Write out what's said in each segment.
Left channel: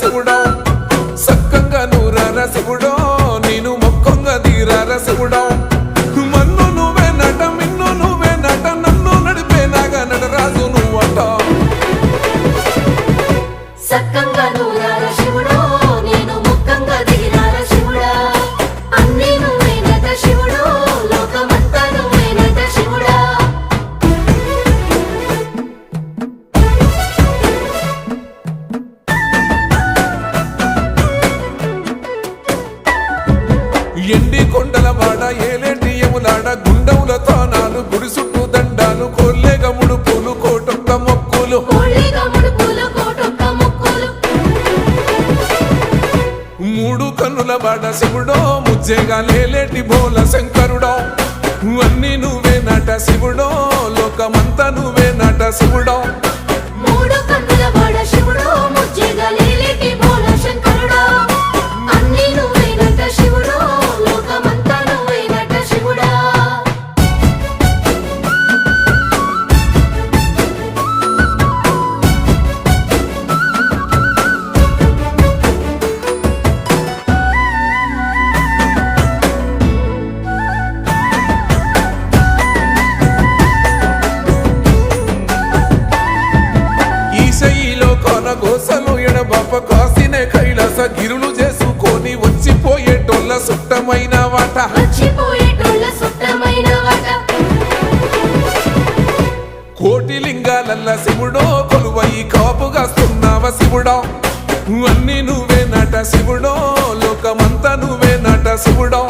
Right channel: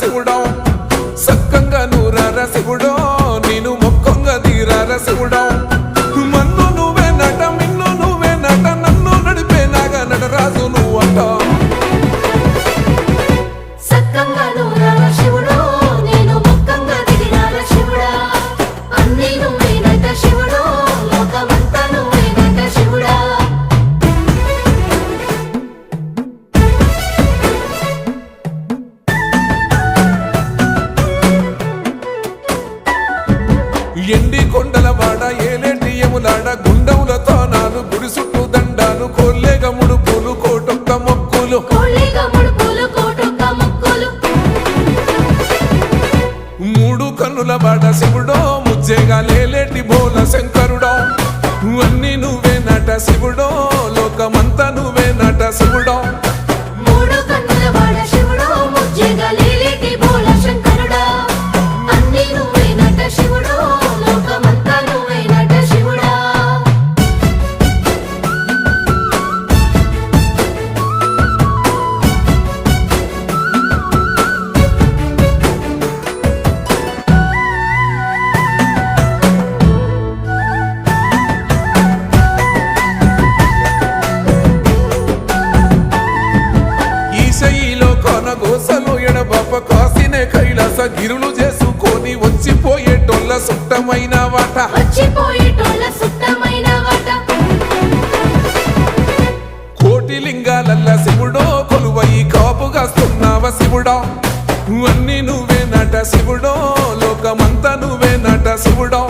శివుడో సక్కంగా నూరార శివుడో నేను మొక్కంగా దీరార శివుడో మన్ను నువ్వే నట మిన్ను నువ్వే నట నన్ను నడిపే నాగా నటరాజు నువ్వంట ఎండి కొండల వాడ ఏలేటి యములాడ గుండములతో నాలు గుడి చుట్టూ దండాలు కోల్లేగ ముడుపులు కోటొక్క మొక్కులు మూడు కన్నుల వాడ శివుడో ముజ్జేగా లేలేటి బోల శంకరుడో అన్ని నువ్వే నట శివుడో లోకమంతా నువ్వే నట శివుడో ఈశయిలో కొనగోసలు ఎడబాప కాసినే కైలాస గిరులు చేసుకొని వచ్చిపోయేటోళ్ళ సుట్టమైన వాట కోటి లింగాలల్ల శివుడో కొలువయి కాపుగాస్తున్నావ శివుడో అన్ని నువ్వే నట శివుడో లోకమంతా నువ్వే నట శివుడో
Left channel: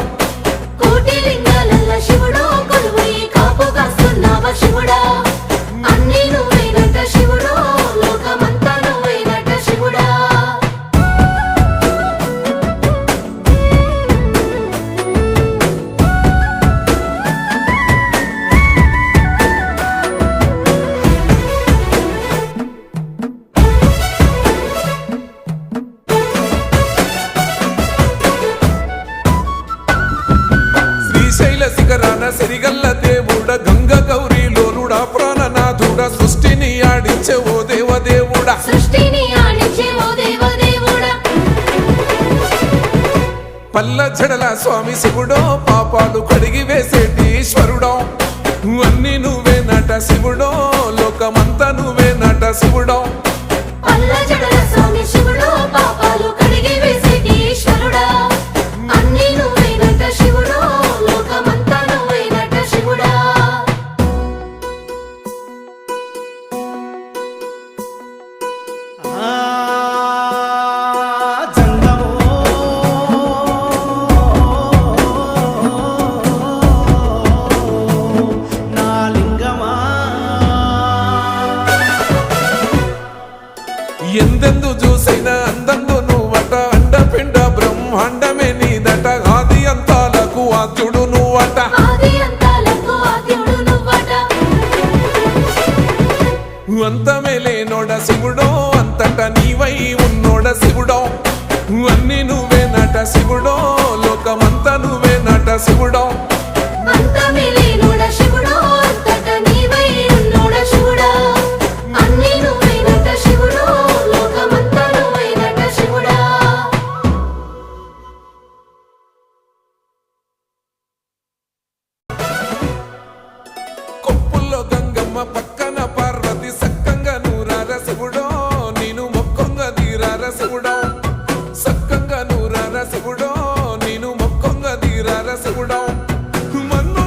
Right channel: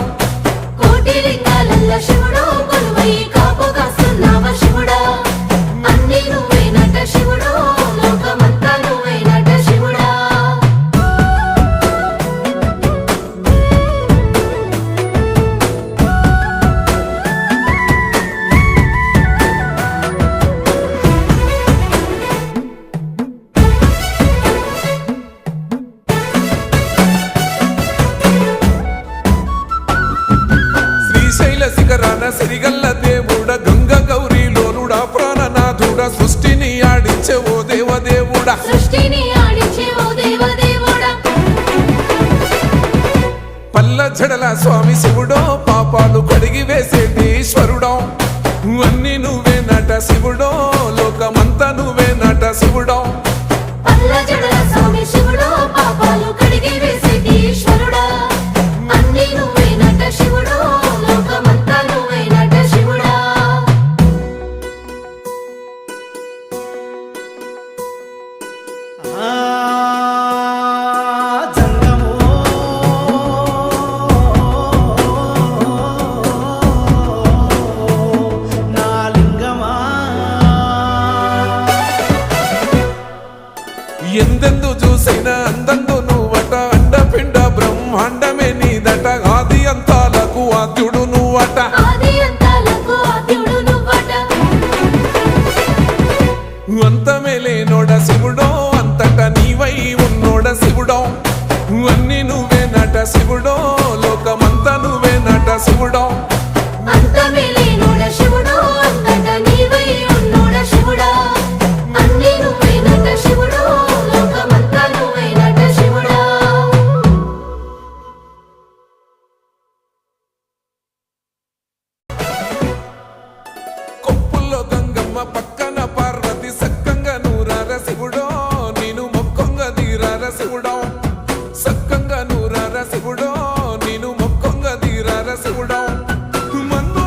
శ్రీశైల శిఖరాన సిరిగల్ల దేవుడ గంగ గౌరీ లోలుడా ప్రాణనాథుడా సృష్టిని ఆడించే ఓ దేవదేవుడా పల్ల జడల స్వామి శివుడో పాపాలు కడిగి వేసేటి ఈశ్వరుడో అన్ని నువ్వే నట శివుడో లోకమంతా నువ్వే నట శివుడో ఎందెందు చూసైనా అందందు నువ్వట అండపిండ బ్రహ్మాండమే నీదట ఆది అంతాలకు ఆద్యుడు నువ్వట అంతమే లేనోడ శివుడో అంతట నీవై ఉన్నోడ శివుడో అన్ని నువ్వే నట శివుడో లోకమంతా నువ్వే నట శివుడో కొప్పుల్లో గంగమ్మ పక్కన పార్వతి సక్కంగా నూరార శివుడో నేను మొక్కంగా దీరార శివుడో సక్కంగా నూరార శివుడో నేను మొక్కంగా దీరార శివుడో మన్ను